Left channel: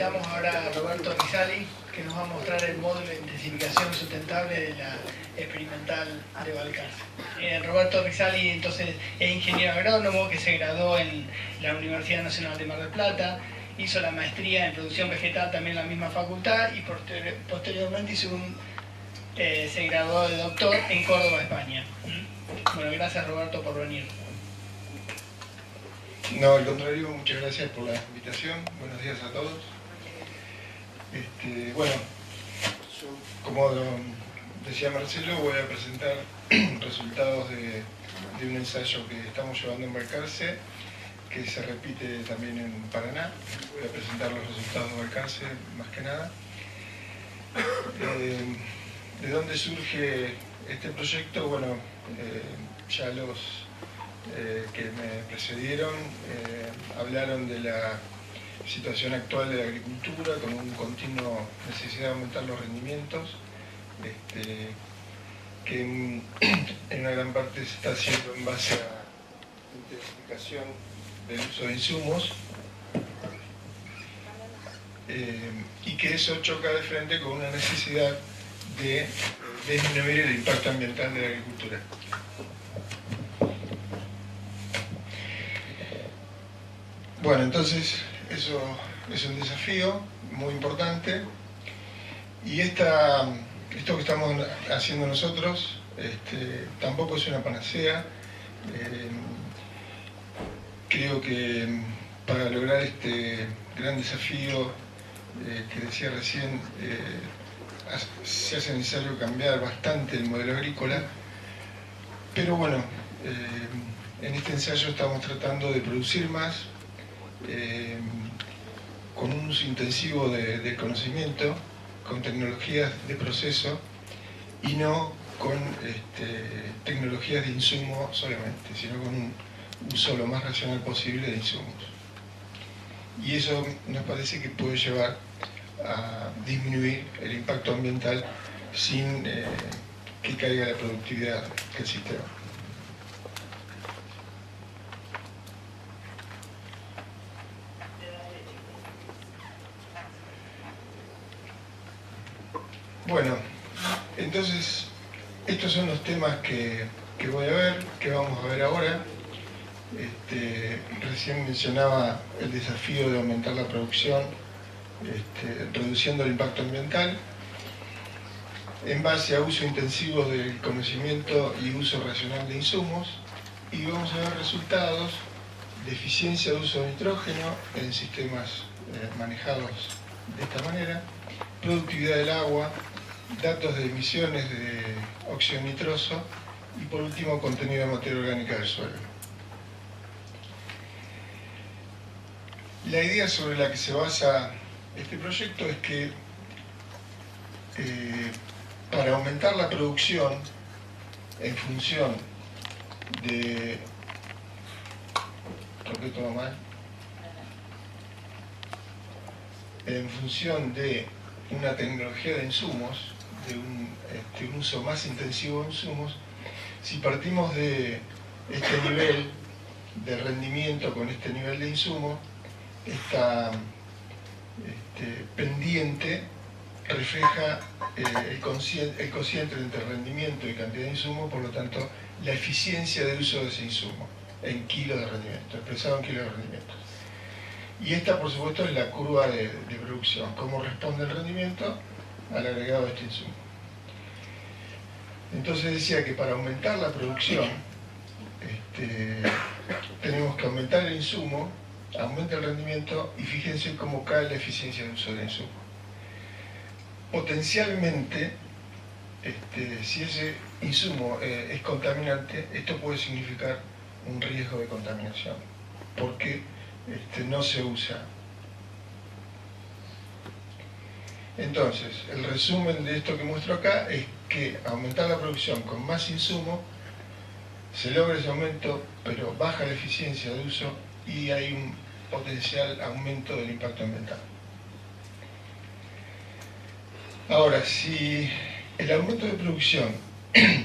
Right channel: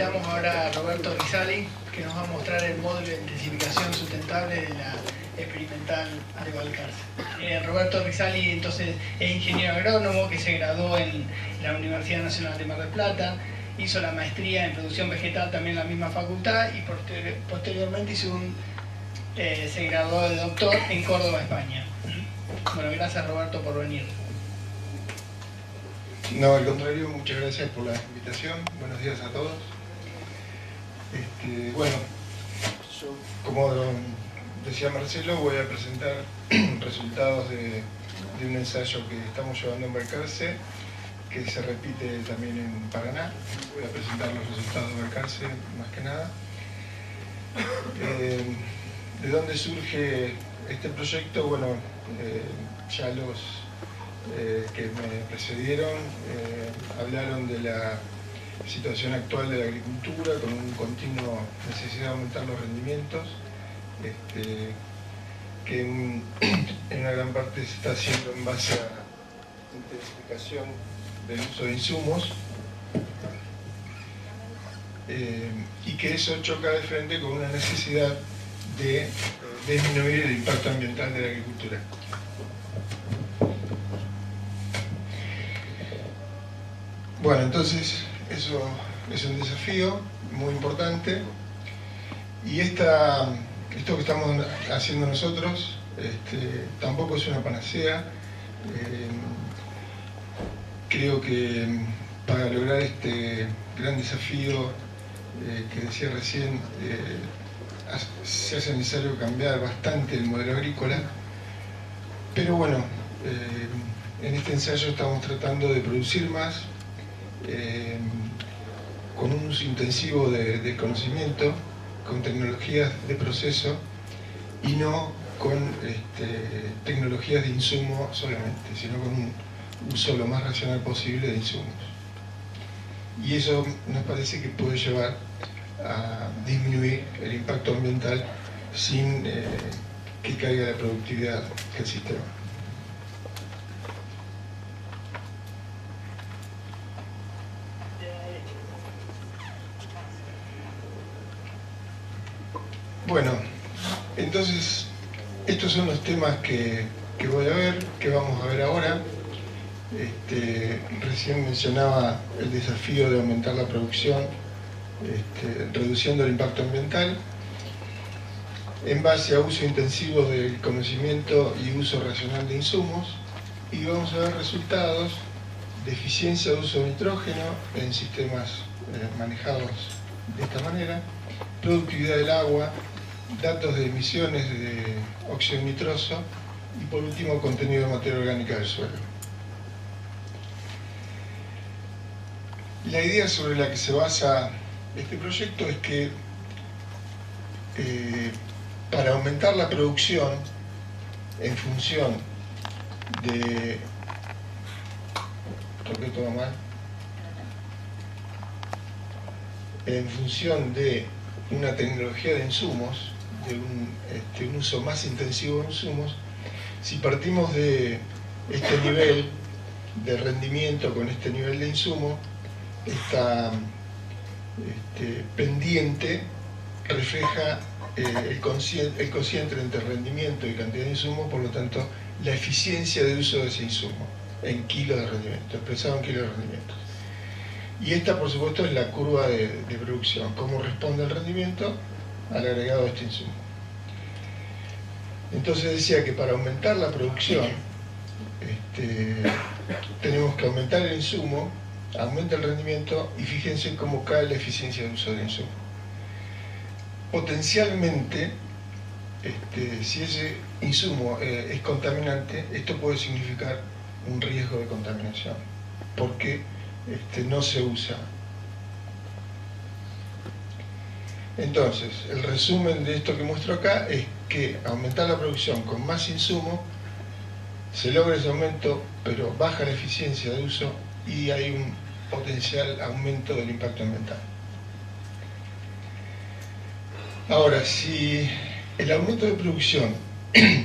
Invitamos ahora a Roberto Risali, que nos va a mostrar el módulo de intensificación sustentable de la experimental de Balcarce. Roberto Risali entonces es ingeniero agrónomo que se graduó en la Universidad Nacional de Mar del Plata, hizo la maestría en producción vegetal también en la misma facultad y posteriormente se graduó de doctor en Córdoba, España. Bueno, gracias Roberto por venir. No, al contrario, muchas gracias por la invitación. Buenos días a todos. Bueno, yo, como decía Marcelo, voy a presentar resultados de un ensayo que estamos llevando en Balcarce, que se repite también en Paraná. Voy a presentar los resultados de Balcarce, más que nada. ¿De dónde surge este proyecto? Bueno, ya los que me precedieron hablaron de la situación actual de la agricultura con una continua necesidad de aumentar los rendimientos, que en una gran parte se está haciendo en base a la intensificación del uso de insumos, y que eso choca de frente con una necesidad de disminuir el impacto ambiental de la agricultura. Bueno, entonces eso es un desafío muy importante, y esto que estamos haciendo nosotros tampoco es una panacea. Creo que para lograr este gran desafío que decía recién, se hace necesario cambiar bastante el modelo agrícola, pero bueno, en este ensayo estamos tratando de producir más, con un uso intensivo del conocimiento, con tecnologías de proceso y no con tecnologías de insumo solamente, sino con un uso lo más racional posible de insumos. Y eso nos parece que puede llevar a disminuir el impacto ambiental sin que caiga la productividad del sistema. Bueno, entonces estos son los temas que voy a ver, que vamos a ver ahora. Recién mencionaba el desafío de aumentar la producción, reduciendo el impacto ambiental, en base a uso intensivo del conocimiento y uso racional de insumos, y vamos a ver resultados de eficiencia de uso de nitrógeno en sistemas manejados de esta manera, productividad del agua, datos de emisiones de óxido nitroso y, por último, contenido de materia orgánica del suelo. La idea sobre la que se basa este proyecto es que para aumentar la producción en función de... ¿Toqué todo mal? En función de una tecnología de insumos, de un uso más intensivo de insumos, si partimos de este nivel de rendimiento con este nivel de insumo, esta pendiente refleja el cociente entre rendimiento y cantidad de insumo, por lo tanto la eficiencia de uso de ese insumo en kilos de rendimiento, expresado en kilos de rendimiento. Y esta, por supuesto, es la curva de producción, cómo responde el rendimiento al agregado de este insumo. Entonces decía que para aumentar la producción tenemos que aumentar el insumo, aumenta el rendimiento, y fíjense cómo cae la eficiencia de uso del insumo. Potencialmente, si ese insumo es contaminante, esto puede significar un riesgo de contaminación, porque no se usa. Entonces, el resumen de esto que muestro acá es que aumentar la producción con más insumo, se logra ese aumento, pero baja la eficiencia de uso y hay un potencial aumento del impacto ambiental. Ahora, si el aumento de producción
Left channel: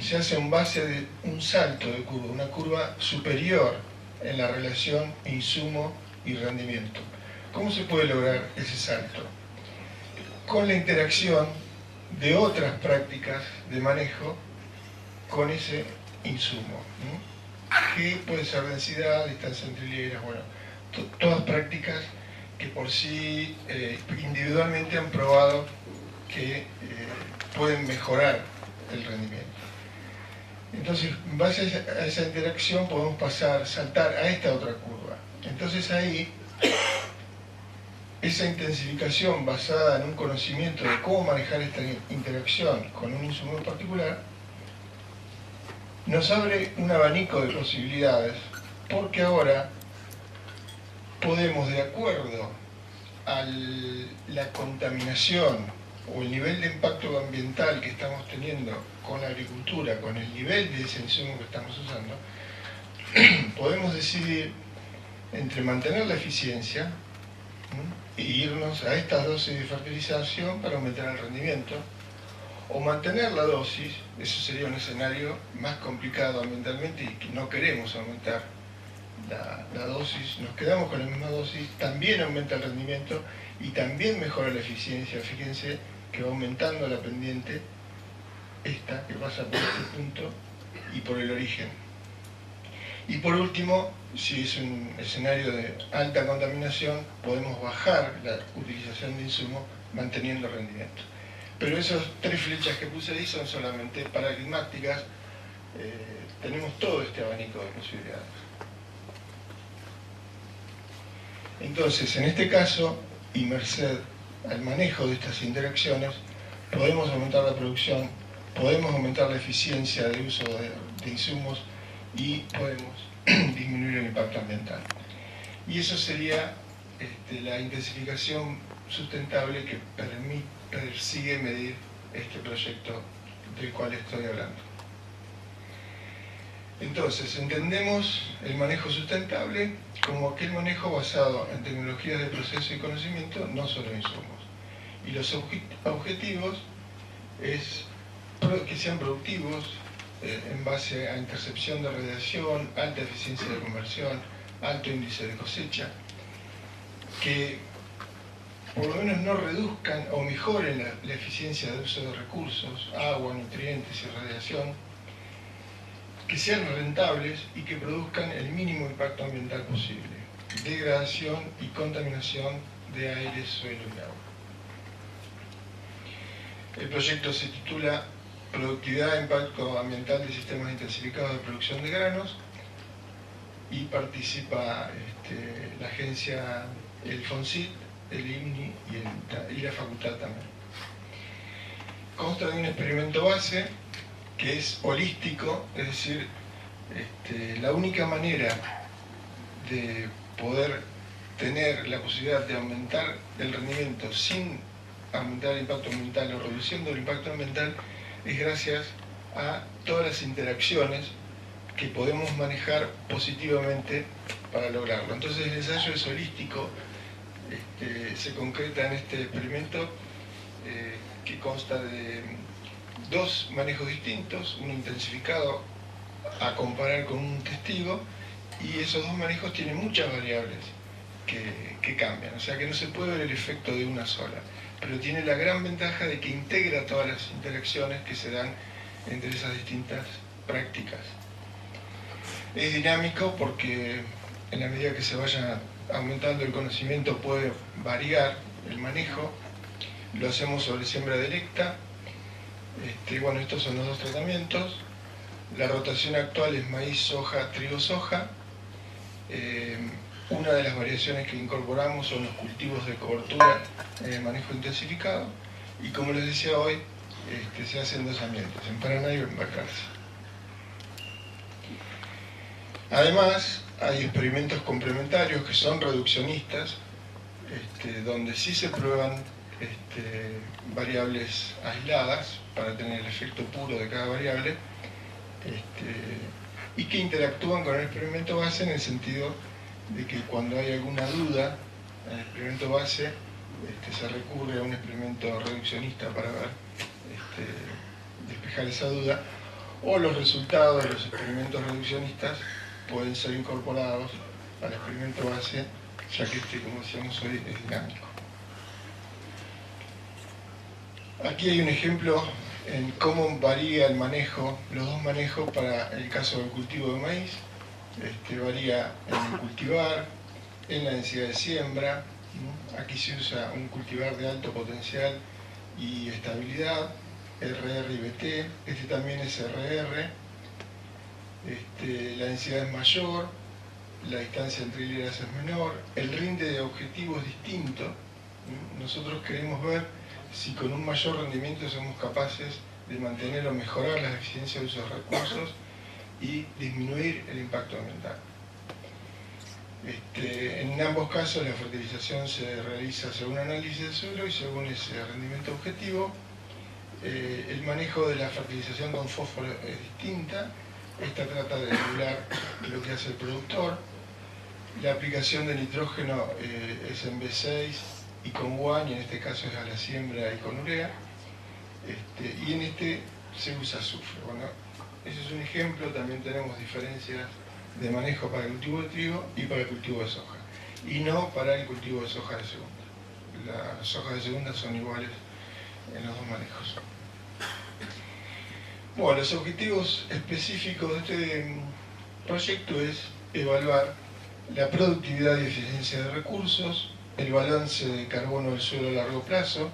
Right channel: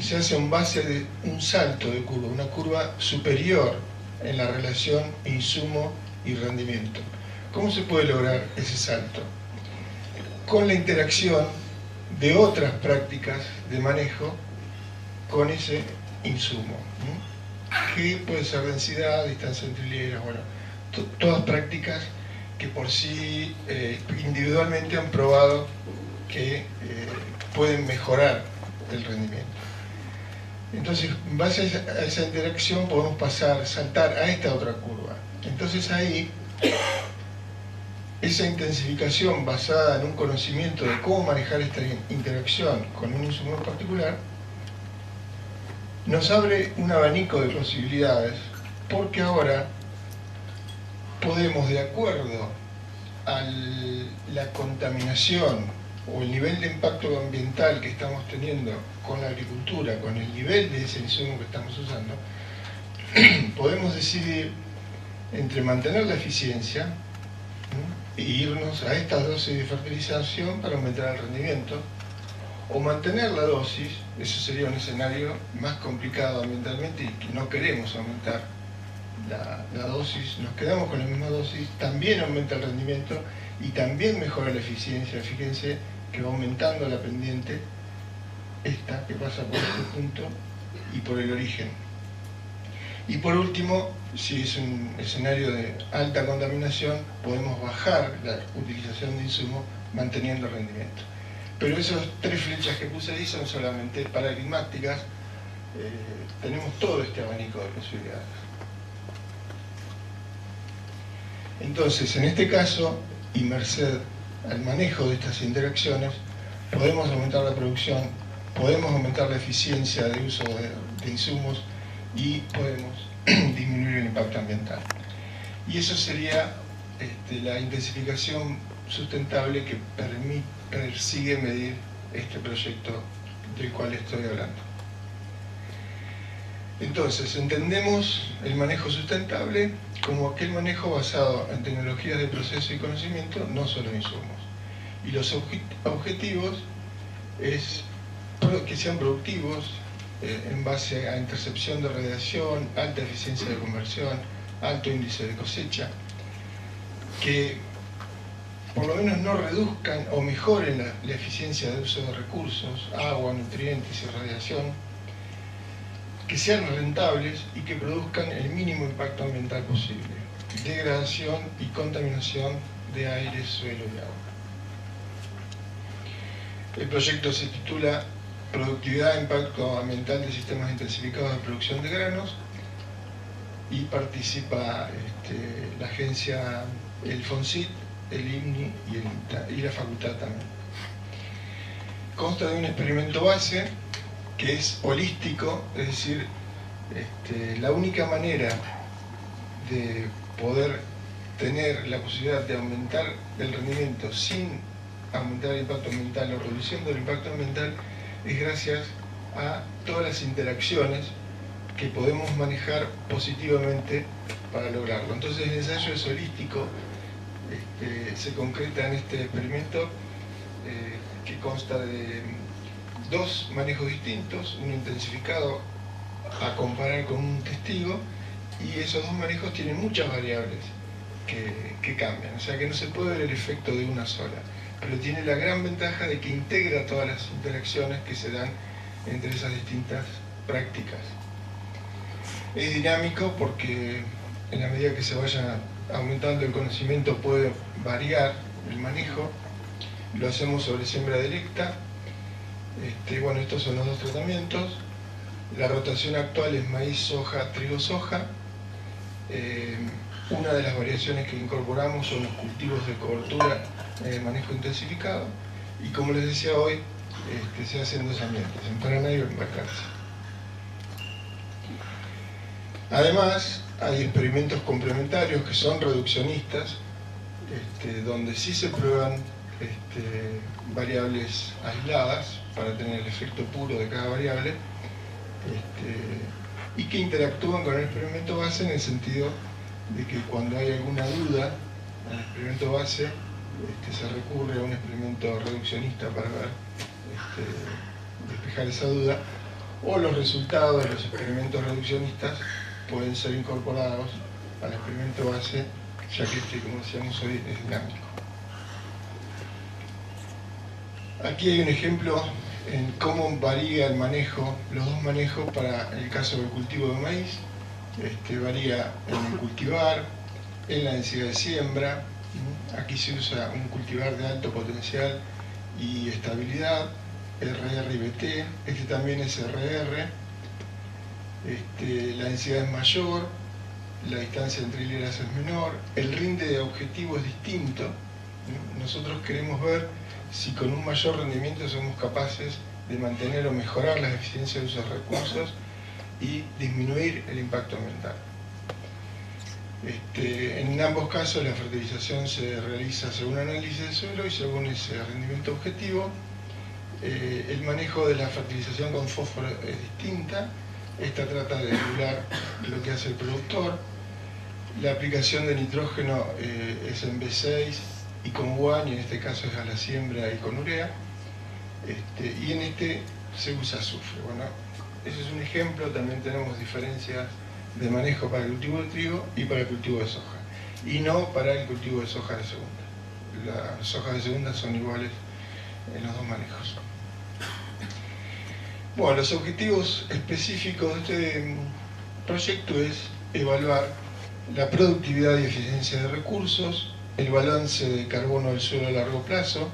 se hace en base de un salto de curva, una curva superior en la relación insumo y rendimiento, ¿Cómo se puede lograr ese salto? Con la interacción de otras prácticas de manejo con ese insumo, ¿no? Que puede ser densidad, distancia entre hileras, bueno, todas prácticas que por sí individualmente han probado que pueden mejorar el rendimiento. Entonces, en base a esa interacción podemos saltar a esta otra curva. Entonces ahí, esa intensificación basada en un conocimiento de cómo manejar esta interacción con un insumo en particular, nos abre un abanico de posibilidades, porque ahora podemos, de acuerdo a la contaminación o el nivel de impacto ambiental que estamos teniendo con la agricultura, con el nivel de ese insumo que estamos usando, podemos decidir entre mantener la eficiencia e irnos a estas dosis de fertilización para aumentar el rendimiento, o mantener la dosis, eso sería un escenario más complicado ambientalmente y que no queremos aumentar la dosis, nos quedamos con la misma dosis, también aumenta el rendimiento y también mejora la eficiencia. Fíjense que va aumentando la pendiente, esta que pasa por este punto y por el origen. Y por último, si es un escenario de alta contaminación, podemos bajar la utilización de insumos manteniendo el rendimiento. Pero esas tres flechas que puse ahí son solamente paradigmáticas, tenemos todo este abanico de posibilidades. Entonces, en este caso, y merced al manejo de estas interacciones, podemos aumentar la producción, podemos aumentar la eficiencia de uso de insumos y podemos disminuir el impacto ambiental. Y eso sería la intensificación sustentable que persigue medir este proyecto del cual estoy hablando. Entonces, entendemos el manejo sustentable como aquel manejo basado en tecnologías de proceso y conocimiento, no solo insumos. Y los objetivos es que sean productivos en base a intercepción de radiación, alta eficiencia de conversión, alto índice de cosecha, que por lo menos no reduzcan o mejoren la eficiencia de uso de recursos, agua, nutrientes y radiación, que sean rentables y que produzcan el mínimo impacto ambiental posible, degradación y contaminación de aire, suelo y agua. El proyecto se titula Productividad e Impacto Ambiental de Sistemas Intensificados de Producción de Granos y participa la agencia, el FONSIT, el INNI y la facultad también. Consta de un experimento base que es holístico, es decir, la única manera de poder tener la posibilidad de aumentar el rendimiento sin aumentar el impacto ambiental o reduciendo el impacto ambiental es gracias a todas las interacciones que podemos manejar positivamente para lograrlo. Entonces el ensayo es holístico, se concreta en este experimento que consta de dos manejos distintos, uno intensificado a comparar con un testigo, y esos dos manejos tienen muchas variables que cambian, o sea que no se puede ver el efecto de una sola, pero tiene la gran ventaja de que integra todas las interacciones que se dan entre esas distintas prácticas. Es dinámico porque en la medida que se vaya aumentando el conocimiento puede variar el manejo. Lo hacemos sobre siembra directa. Bueno, estos son los dos tratamientos. La rotación actual es maíz, soja, trigo, soja. Una de las variaciones que incorporamos son los cultivos de cobertura en el manejo intensificado. Y como les decía hoy, se hacen dos ambientes, en Paraná y en Balcarce. Además, hay experimentos complementarios que son reduccionistas, donde sí se prueban variables aisladas para tener el efecto puro de cada variable, y que interactúan con el experimento base en el sentido de que cuando hay alguna duda en el experimento base, se recurre a un experimento reduccionista para ver, despejar esa duda, o los resultados de los experimentos reduccionistas pueden ser incorporados al experimento base ya que como decíamos hoy, es dinámico. Aquí hay un ejemplo en cómo varía el manejo, los dos manejos para el caso del cultivo de maíz. Varía en el cultivar, en la densidad de siembra. Aquí se usa un cultivar de alto potencial y estabilidad, RR y BT. Este también es RR. La densidad es mayor, la distancia entre hileras es menor, el rinde de objetivo es distinto. Nosotros queremos ver si con un mayor rendimiento somos capaces de mantener o mejorar la eficiencia de uso de recursos y disminuir el impacto ambiental. En ambos casos la fertilización se realiza según análisis del suelo y según ese rendimiento objetivo. El manejo de la fertilización con fósforo es distinta. Esta trata de emular lo que hace el productor. La aplicación de nitrógeno es en B6 y con guano, y en este caso es a la siembra y con urea. Y en este se usa azufre. Bueno, ese es un ejemplo. También tenemos diferencias de manejo para el cultivo de trigo y para el cultivo de soja, y no para el cultivo de soja de segunda. Las sojas de segunda son iguales en los dos manejos. Bueno, los objetivos específicos de este proyecto es evaluar la productividad y eficiencia de recursos, el balance de carbono del suelo a largo plazo,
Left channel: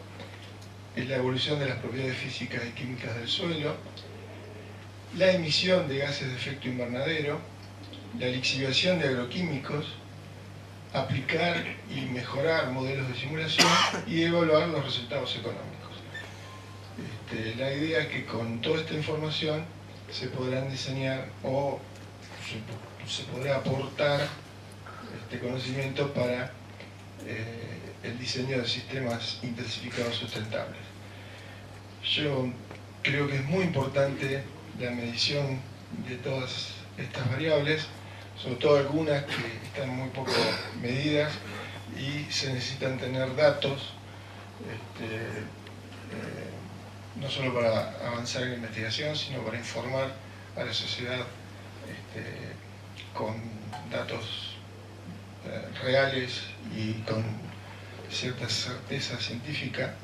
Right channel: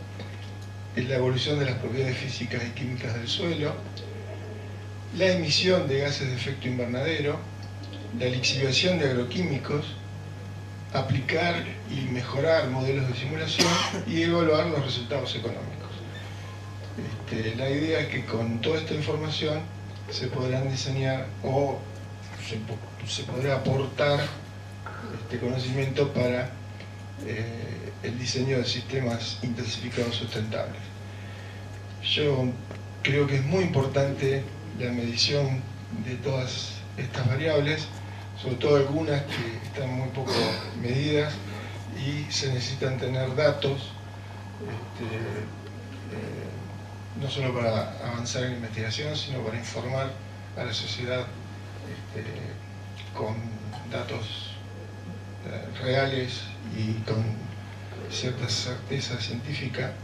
la evolución de las propiedades físicas y químicas del suelo, la emisión de gases de efecto invernadero, la lixiviación de agroquímicos, aplicar y mejorar modelos de simulación y evaluar los resultados económicos. La idea es que con toda esta información se podrán diseñar o se podrá aportar conocimiento para el diseño de sistemas intensificados sustentables. Yo creo que es muy importante la medición de todas estas variables, sobre todo algunas que están muy poco medidas y se necesitan tener datos, no solo para avanzar en la investigación, sino para informar a la sociedad con datos reales y con cierta certeza científica,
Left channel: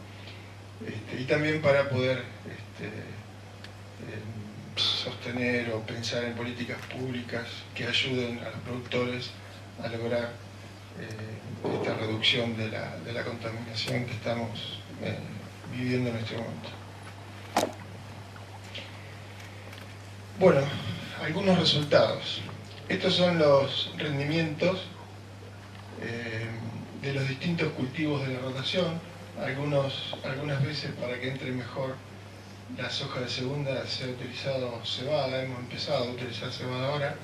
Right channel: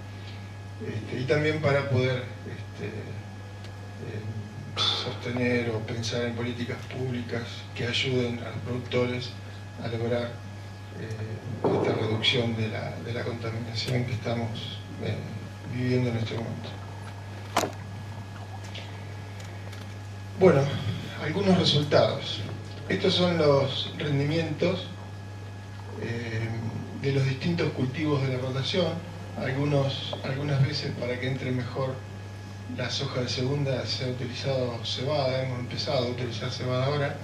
y también para poder sostener o pensar en políticas públicas que ayuden a los productores a lograr esta reducción de la contaminación que estamos viviendo en este momento. Bueno, algunos resultados. Estos son los rendimientos de los distintos cultivos de la rotación. Algunas veces, para que entre mejor la soja de segunda, se ha utilizado cebada. Hemos empezado a utilizar cebada ahora.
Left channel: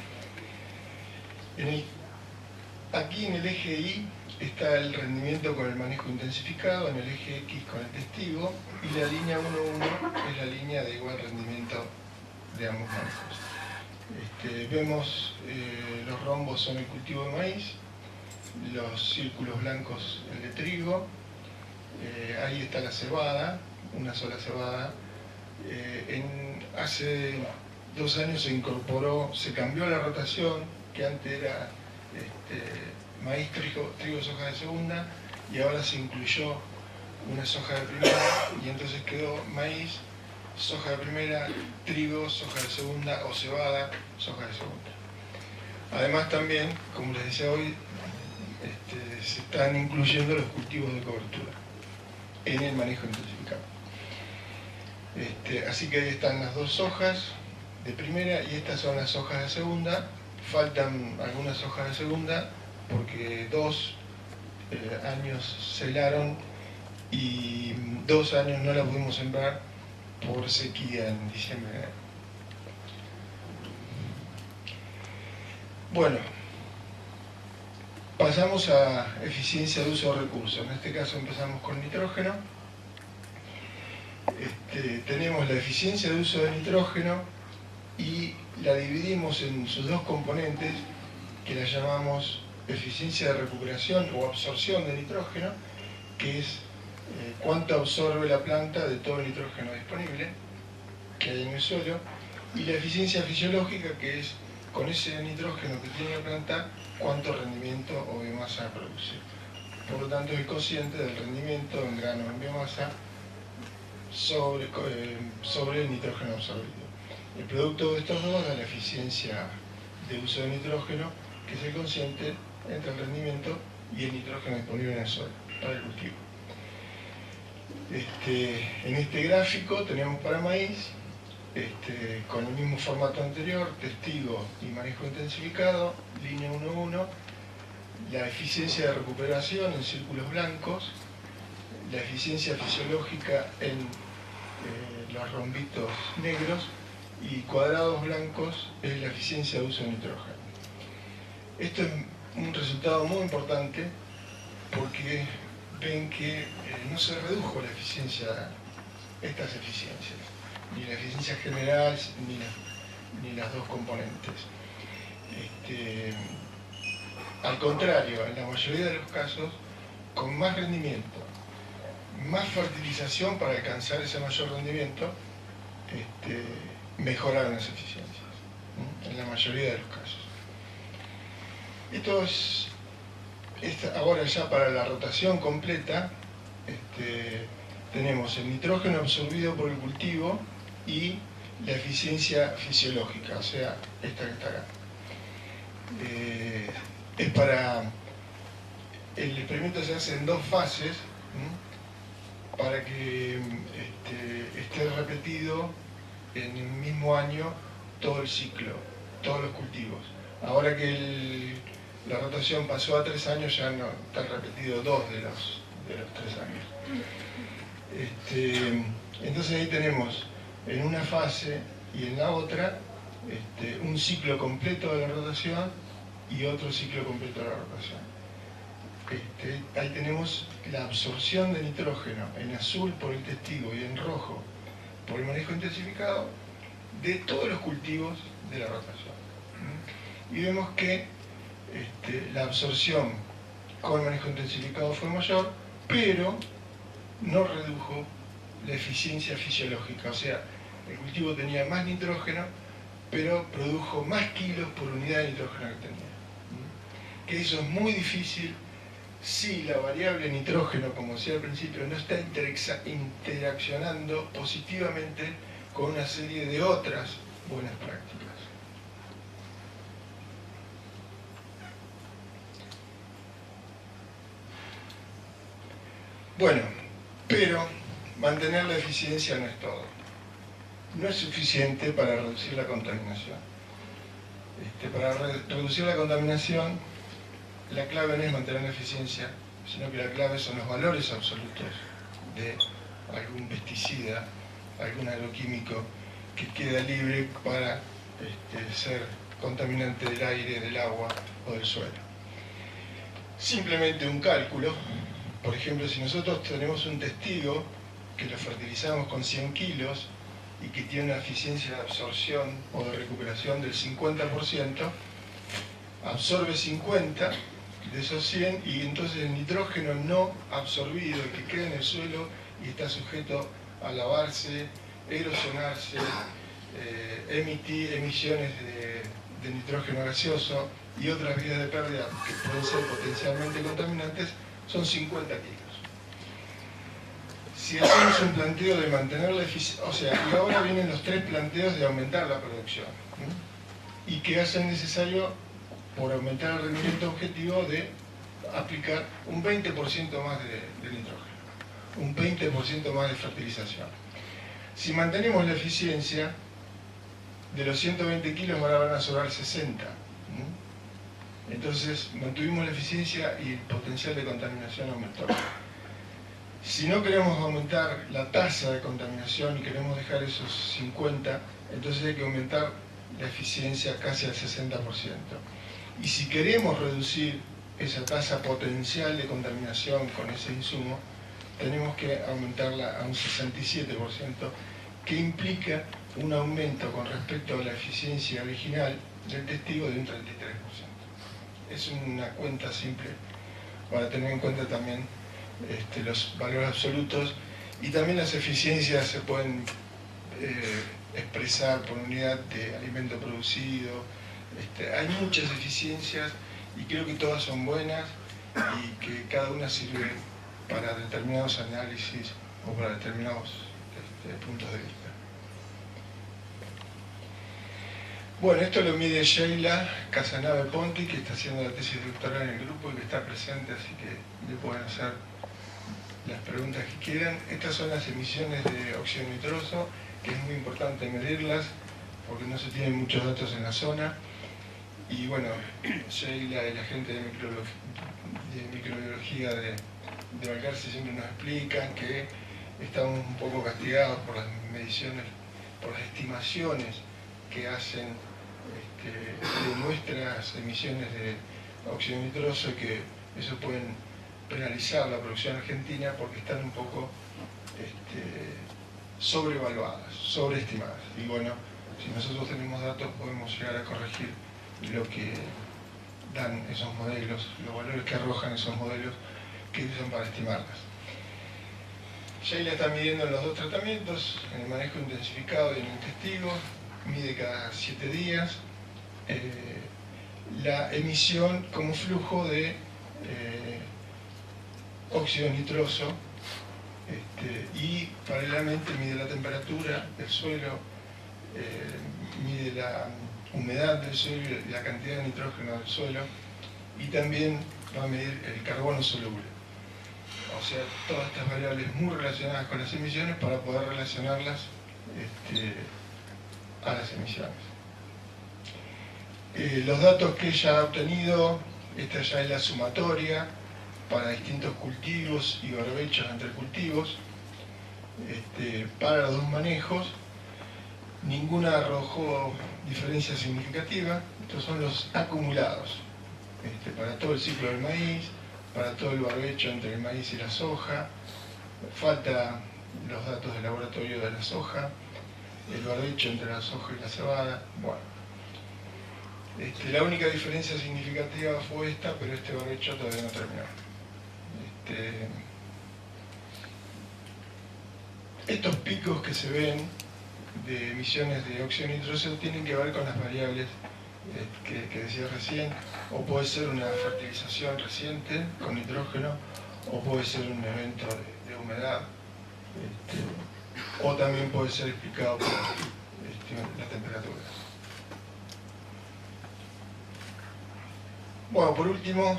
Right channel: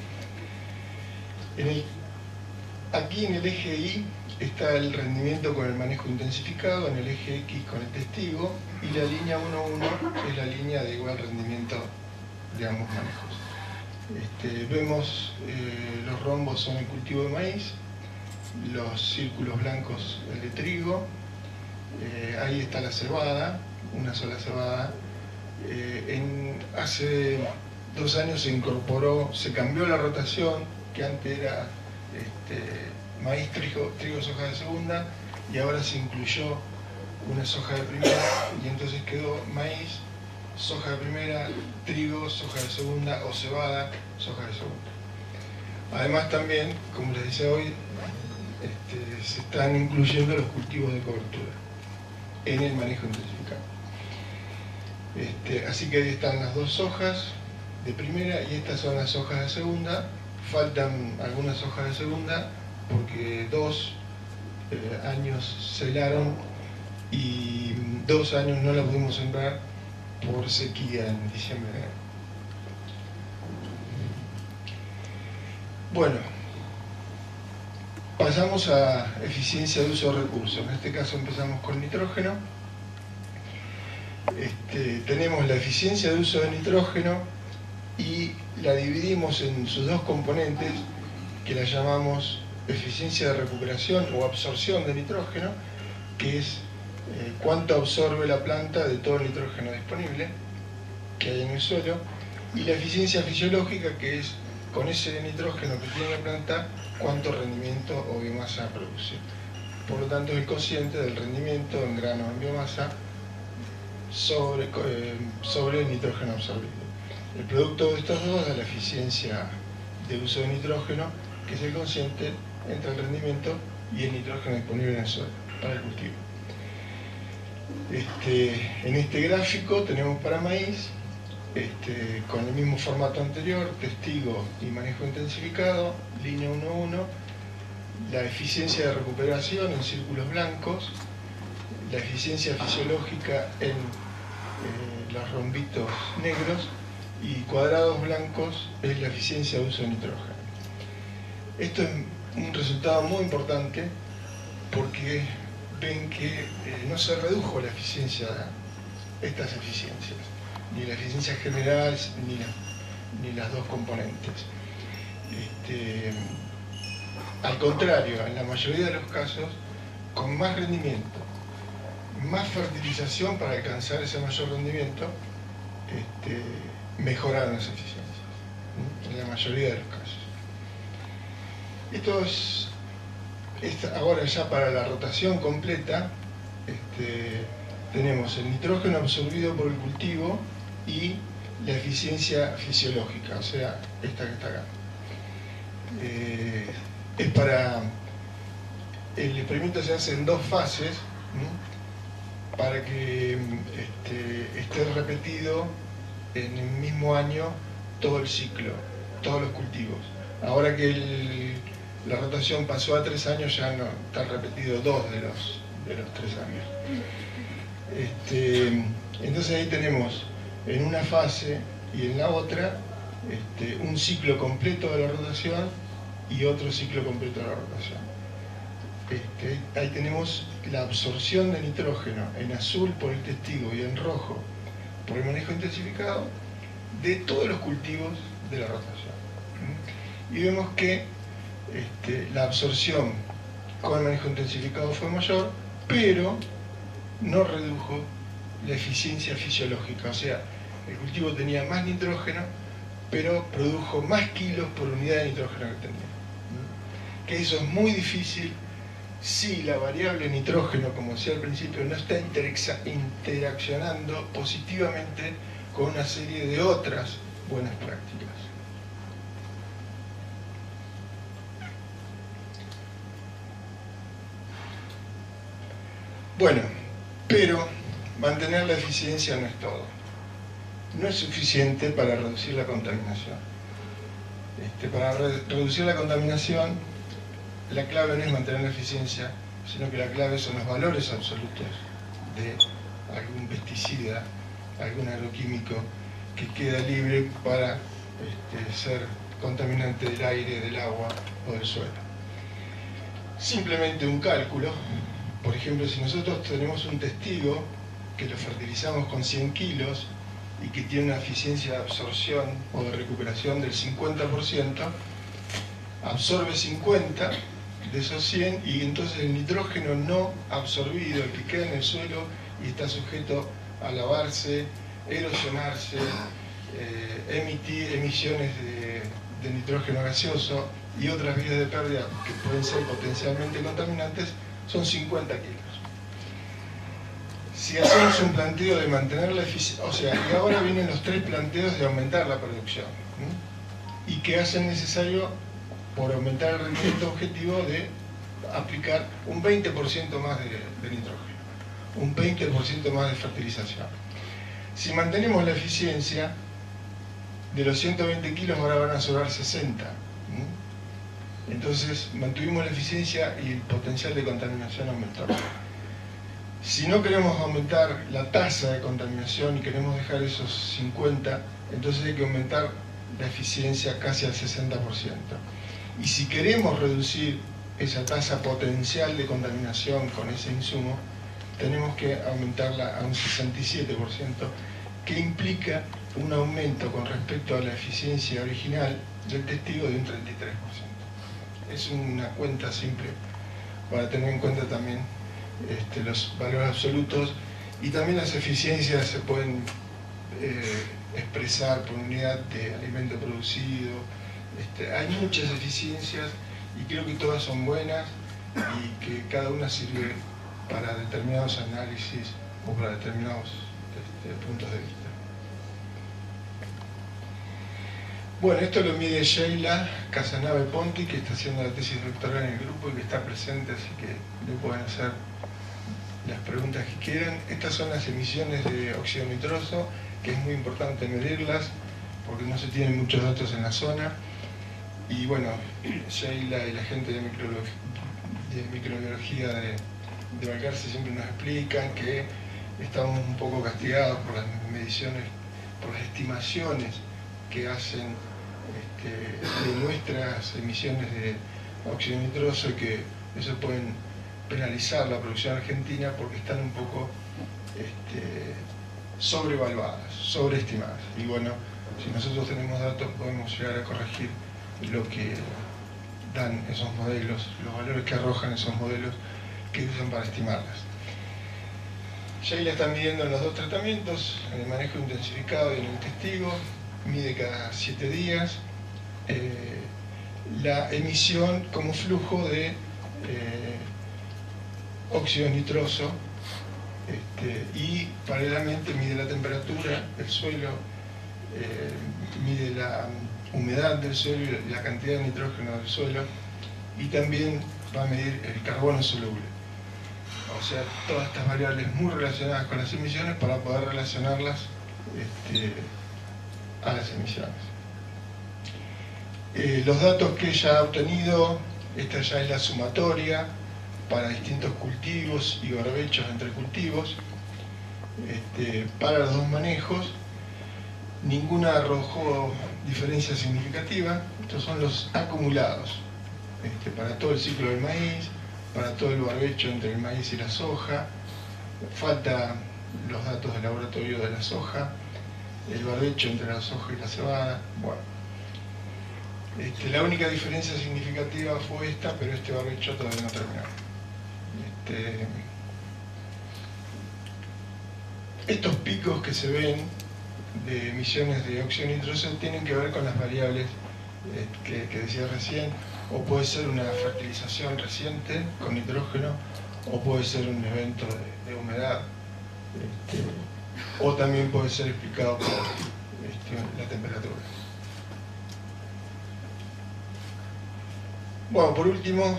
Aquí en el eje Y está el rendimiento con el manejo intensificado, en el eje X con el testigo, y la línea 1.1 es la línea de igual rendimiento de ambos manejos. Vemos los rombos son el cultivo de maíz, los círculos blancos el de trigo, ahí está la cebada, una sola cebada. Hace 2 años se cambió la rotación, que antes era maíz, trigo, soja de segunda, y ahora se incluyó una soja de primera, y entonces quedó maíz, soja de primera, trigo, soja de segunda, o cebada, soja de segunda. Además también, como les decía hoy, se están incluyendo los cultivos de cobertura en el manejo intensificado. Así que ahí están las dos sojas de primera y estas son las hojas de segunda. Faltan algunas hojas de segunda porque 2 años se helaron y 2 años no la pudimos sembrar por sequía en diciembre. Bueno, pasamos a eficiencia de uso de recursos. En este caso empezamos con nitrógeno. Tenemos la eficiencia de uso de nitrógeno y la dividimos en sus dos componentes, que la llamamos eficiencia de recuperación o absorción de nitrógeno, que es cuánto absorbe la planta de todo el nitrógeno disponible que hay en el suelo, y la eficiencia fisiológica, que es con ese nitrógeno que tiene la planta, cuánto rendimiento o biomasa produce. Por lo tanto, es consciente del rendimiento en grano en biomasa sobre el nitrógeno absorbido. El producto de estos dos da la eficiencia de uso de nitrógeno, que es el consciente entre el rendimiento y el nitrógeno disponible en el suelo para el cultivo. En este gráfico tenemos para maíz, con el mismo formato anterior, testigo y manejo intensificado, línea 1-1, la eficiencia de recuperación en círculos blancos, la eficiencia fisiológica en los rombitos negros, y cuadrados blancos es la eficiencia de uso de nitrógeno. Esto es un resultado muy importante porque ven que no se redujo la eficiencia, estas eficiencias, ni la eficiencia general ni las dos componentes. Al contrario, en la mayoría de los casos, con más rendimiento, más fertilización para alcanzar ese mayor rendimiento, mejoraron las eficiencias, en la mayoría de los casos. Esto es ahora ya para la rotación completa. Tenemos el nitrógeno absorbido por el cultivo y la eficiencia fisiológica, o sea, esta que está acá. El experimento se hace en dos fases, para que esté repetido en el mismo año todo el ciclo, todos los cultivos. Ahora que la rotación pasó a 3 años, ya no está repetido 2 de los 3 años. Entonces ahí tenemos en una fase y en la otra un ciclo completo de la rotación y otro ciclo completo de la rotación. Ahí tenemos la absorción de nitrógeno en azul por el testigo y en rojo por el manejo intensificado de todos los cultivos de la rotación. Y vemos que la absorción con el manejo intensificado fue mayor, pero no redujo la eficiencia fisiológica, o sea, el cultivo tenía más nitrógeno, pero produjo más kilos por unidad de nitrógeno que tenía. Que eso es muy difícil si la variable nitrógeno, como decía al principio, no está interaccionando positivamente con una serie de otras buenas prácticas. Bueno, pero mantener la eficiencia no es todo. No es suficiente para reducir la contaminación. Para reducir la contaminación, la clave no es mantener la eficiencia, sino que la clave son los valores absolutos de algún pesticida, algún agroquímico que queda libre para ser contaminante del aire, del agua o del suelo. Simplemente un cálculo. Por ejemplo, si nosotros tenemos un testigo que lo fertilizamos con 100 kilos y que tiene una eficiencia de absorción o de recuperación del 50%, absorbe 50 de esos 100 y entonces el nitrógeno no absorbido, el que queda en el suelo y está sujeto a lavarse, erosionarse, emitir emisiones de nitrógeno gaseoso y otras vías de pérdida que pueden ser potencialmente contaminantes, son 50 kilos. Si hacemos un planteo de mantener la eficiencia, o sea, y ahora vienen los 3 planteos de aumentar la producción, y que hacen necesario, por aumentar el rendimiento objetivo, de aplicar un 20% más de nitrógeno, un 20% más de fertilización. Si mantenemos la eficiencia, de los 120 kilos ahora van a sobrar 60. Entonces mantuvimos la eficiencia y el potencial de contaminación aumentó. Si no queremos aumentar la tasa de contaminación y queremos dejar esos 50, entonces hay que aumentar la eficiencia casi al 60%. Y si queremos reducir esa tasa potencial de contaminación con ese insumo, tenemos que aumentarla a un 67%, que implica un aumento con respecto a la eficiencia original del testigo de un 33%. Es una cuenta simple para tener en cuenta también los valores absolutos, y también las eficiencias se pueden expresar por unidad de alimento producido. Hay muchas eficiencias y creo que todas son buenas y que cada una sirve para determinados análisis o para determinados puntos de vista. Bueno, esto lo mide Sheila Casanave Ponti, que está haciendo la tesis doctoral en el grupo y que está presente, así que le pueden hacer las preguntas que quieran. Estas son las emisiones de óxido nitroso, que es muy importante medirlas porque no se tienen muchos datos en la zona. Y bueno, Sheila y la gente de microbiología de Balcarce siempre nos explican que estamos un poco castigados por las mediciones, por las estimaciones que hacen de nuestras emisiones de óxido nitroso, y que eso pueden penalizar la producción argentina porque están un poco sobrevaluadas, sobreestimadas. Y bueno, si nosotros tenemos datos podemos llegar a corregir lo que dan esos modelos, los valores que arrojan esos modelos que usan para estimarlas. Sheila está midiendo en los dos tratamientos, en el manejo intensificado y en el testigo, mide cada 7 días la emisión como flujo de óxido nitroso, y paralelamente mide la temperatura del suelo, mide la humedad del suelo y la cantidad de nitrógeno del suelo, y también va a medir el carbono soluble. O sea, todas estas variables muy relacionadas con las emisiones para poder relacionarlas a las emisiones. Los datos que ella ha obtenido, esta ya es la sumatoria para distintos cultivos y barbechos entre cultivos, para los dos manejos. Ninguna arrojó diferencia significativa. Estos son los acumulados para todo el ciclo del maíz, para todo el barbecho entre el maíz y la soja. Falta los datos del laboratorio de la soja, el barbecho entre la soja y la cebada. Bueno, la única diferencia significativa fue esta, pero este barbecho todavía no terminó. Estos picos que se ven de emisiones de óxido nitroso tienen que ver con las variables que decía recién, o puede ser una fertilización reciente con nitrógeno, o puede ser un evento de humedad, o también puede ser explicado por la temperatura. Bueno, por último,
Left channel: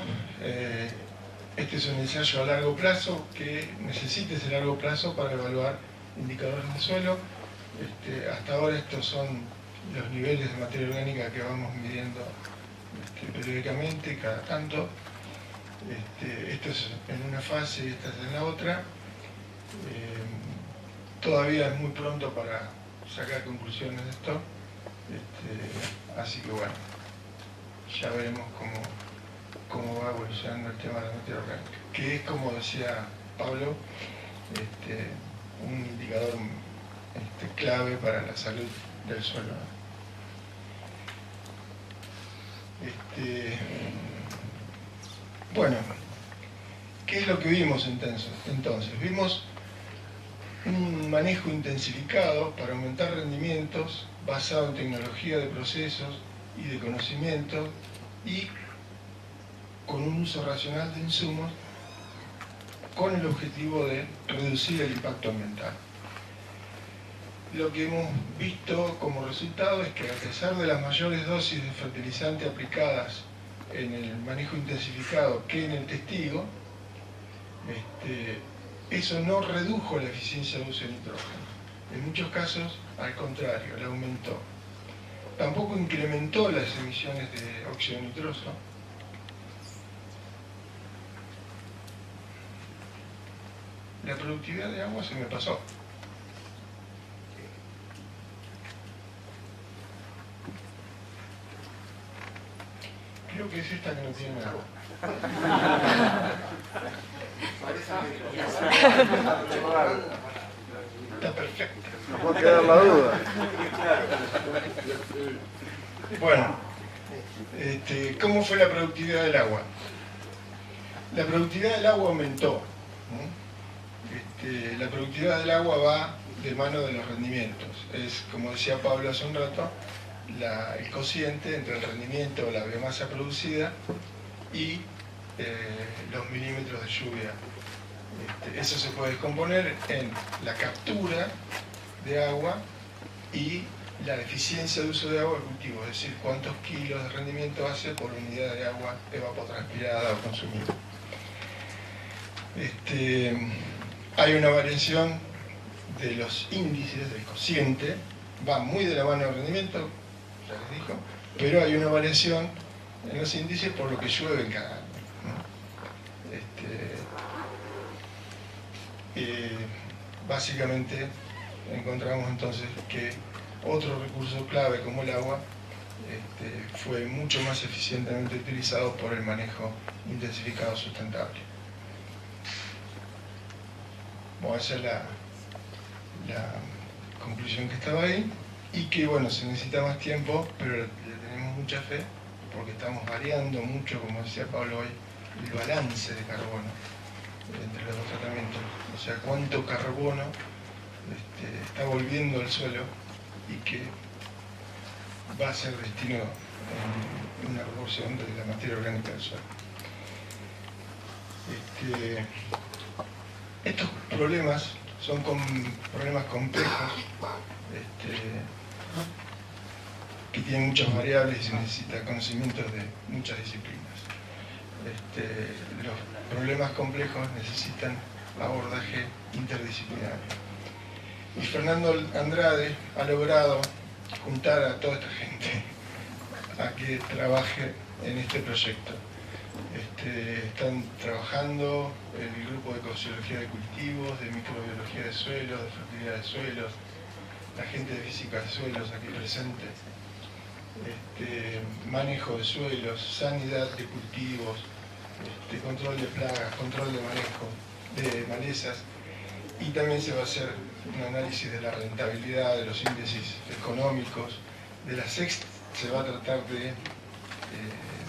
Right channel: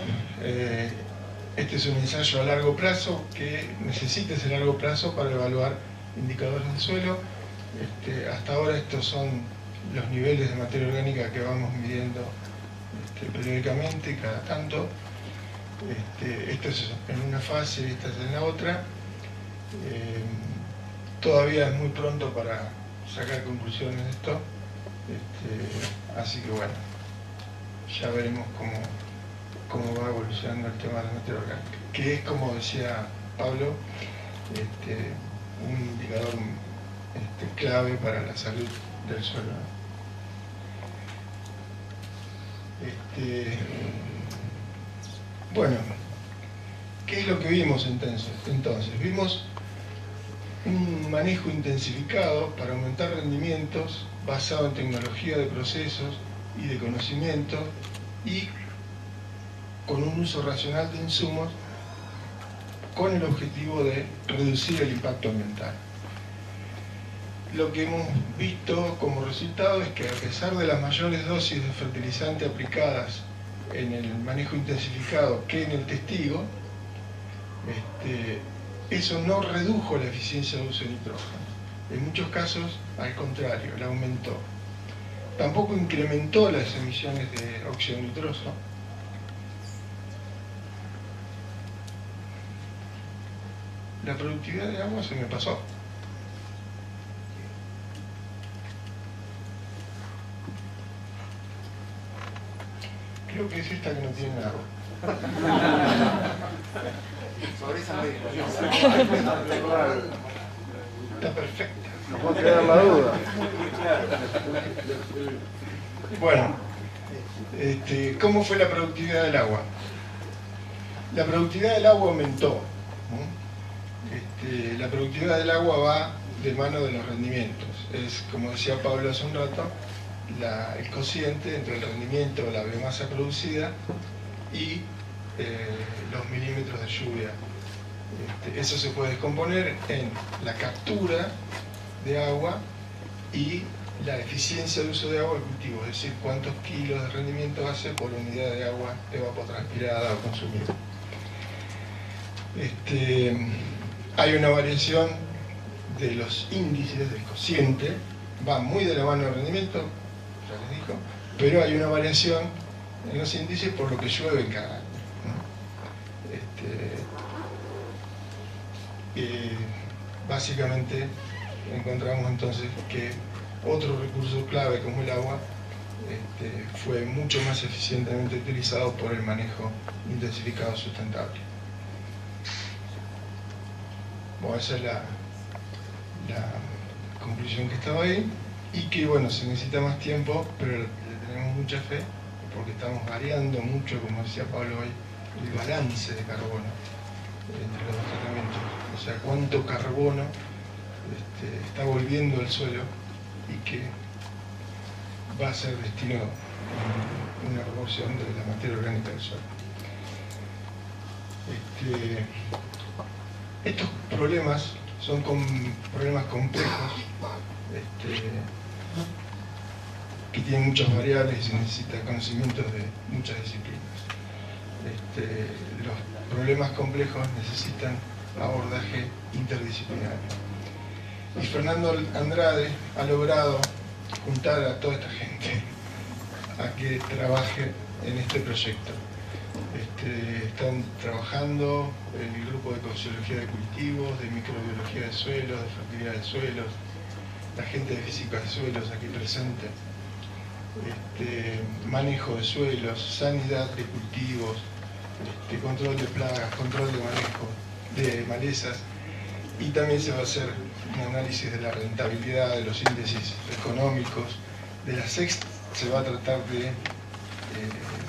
este es un ensayo a largo plazo que necesita ese largo plazo para evaluar indicadores de suelo. Hasta ahora estos son los niveles de materia orgánica que vamos midiendo periódicamente, cada tanto. Esto es en una fase y esta es en la otra. Todavía es muy pronto para sacar conclusiones de esto, así que bueno, ya veremos cómo va evolucionando el tema de la materia orgánica, que es, como decía Pablo, un indicador clave para la salud del suelo. Bueno, ¿qué es lo que vimos entonces? Vimos un manejo intensificado para aumentar rendimientos basado en tecnología de procesos y de conocimiento y con un uso racional de insumos con el objetivo de reducir el impacto ambiental. Lo que hemos visto como resultado es que, a pesar de las mayores dosis de fertilizante aplicadas en el manejo intensificado que en el testigo, eso no redujo la eficiencia de uso de nitrógeno. En muchos casos, al contrario, la aumentó. Tampoco incrementó las emisiones de óxido nitroso. La productividad de agua se me pasó. Creo que es esta que no tiene agua. Sobre esa discusión. Está perfecta. No puede quedar la duda. Bueno, ¿cómo fue la productividad del agua? La productividad del agua aumentó, ¿no? La productividad del agua va de mano de los rendimientos. Es, como decía Pablo hace un rato, el cociente entre el rendimiento o la biomasa producida y los milímetros de lluvia. Eso se puede descomponer en la captura de agua y la eficiencia de uso de agua del cultivo, es decir, cuántos kilos de rendimiento hace por unidad de agua evapotranspirada o consumida. Hay una variación de los índices del cociente, va muy de la mano del rendimiento, ya les digo, pero hay una variación en los índices por lo que llueve en cada año. Básicamente encontramos entonces que otro recurso clave como el agua fue mucho más eficientemente utilizado por el manejo intensificado sustentable. Bueno, esa es la conclusión que estaba ahí, y que bueno, se necesita más tiempo, pero le tenemos mucha fe porque estamos variando mucho, como decía Pablo hoy, el balance de carbono entre los dos tratamientos, o sea, cuánto carbono está volviendo al suelo y que va a ser destino en una proporción de la materia orgánica del suelo. Estos problemas son problemas complejos que tienen muchas variables y se necesita conocimientos de muchas disciplinas. Los problemas complejos necesitan abordaje interdisciplinario. Y Fernando Andrade ha logrado juntar a toda esta gente a que trabaje en este proyecto. Están trabajando el grupo de ecofisiología de cultivos, de microbiología de suelos, de fertilidad de suelos, la gente de física de suelos aquí presente, manejo de suelos, sanidad de cultivos, control de plagas, control de manejo de malezas, y también se va a hacer un análisis de la rentabilidad, de los índices económicos, se va a tratar de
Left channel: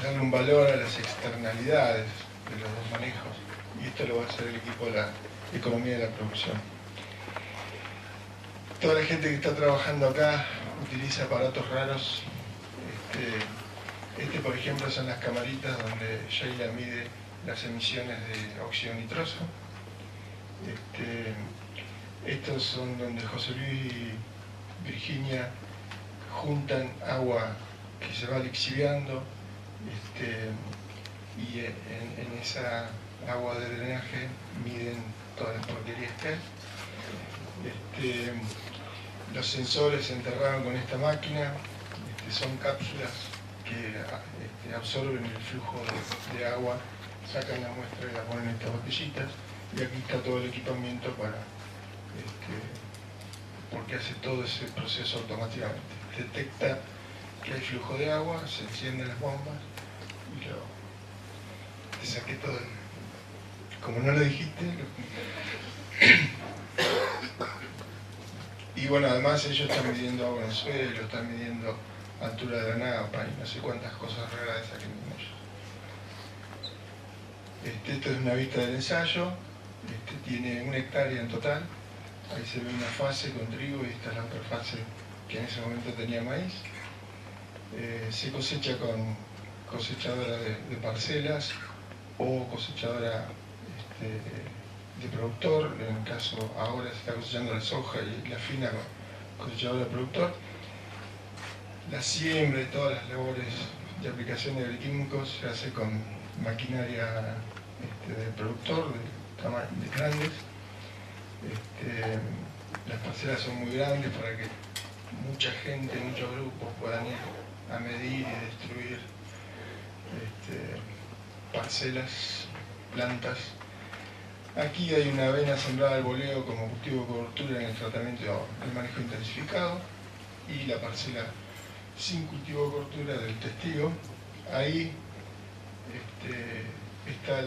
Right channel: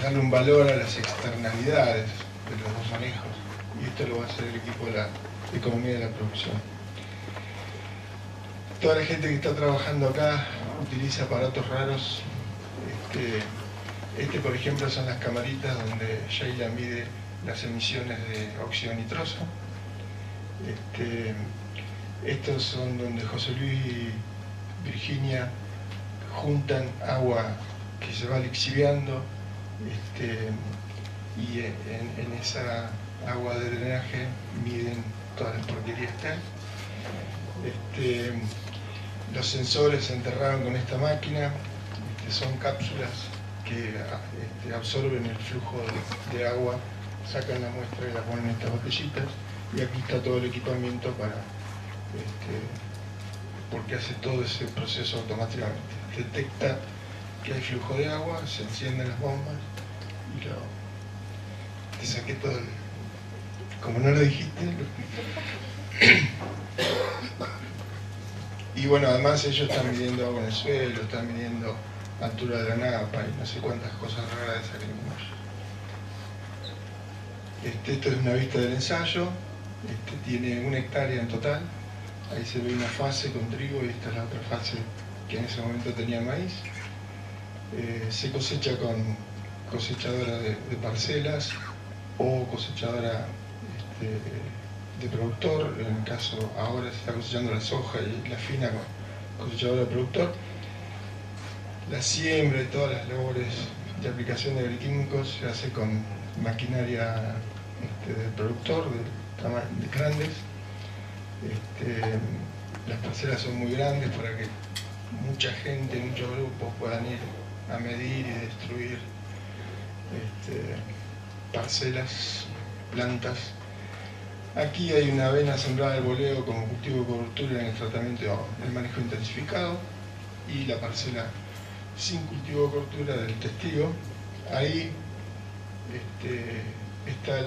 darle un valor a las externalidades de los dos manejos, y esto lo va a hacer el equipo de la economía de la producción. Toda la gente que está trabajando acá utiliza aparatos raros. Por ejemplo, son las camaritas donde Sheila mide las emisiones de óxido nitroso. Estos son donde José Luis y Virginia juntan agua que se va lixiviando, y en esa agua de drenaje miden todas las porquerías que hay. Los sensores se enterraron con esta máquina, son cápsulas que absorben el flujo de agua, sacan la muestra y la ponen en estas botellitas, y aquí está todo el equipamiento porque hace todo ese proceso automáticamente. Detecta que hay flujo de agua, se encienden las bombas y te saqué todo como no lo dijiste. Y bueno, además ellos están midiendo agua en el suelo, están midiendo altura de la napa y no sé cuántas cosas raras de salimos. Esto es una vista del ensayo, tiene 1 hectárea en total, ahí se ve una fase con trigo y esta es la otra fase que en ese momento tenía maíz. Se cosecha con cosechadora de parcelas o cosechadora de productor, en el caso ahora se está cosechando la soja y la fina con cosechadora de productor. La siembra y todas las labores de aplicación de agroquímicos se hace con maquinaria del productor, de grandes. Las parcelas son muy grandes para que mucha gente, muchos grupos puedan ir a medir y destruir parcelas, plantas. Aquí hay una avena sembrada al boleo como cultivo de cobertura en el tratamiento, el manejo intensificado, y la parcela sin cultivo de cobertura del testigo. Ahí está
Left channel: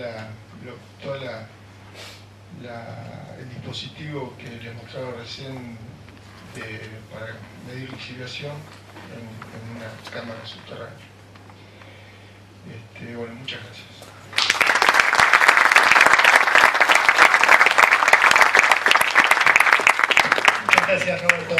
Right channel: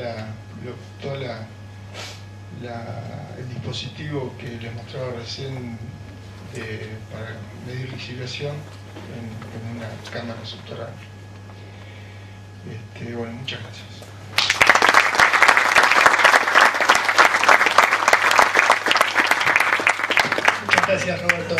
el dispositivo que les mostraba recién para medir lixiviación en una cámara subterránea. Bueno, muchas gracias. Muchas gracias, Roberto.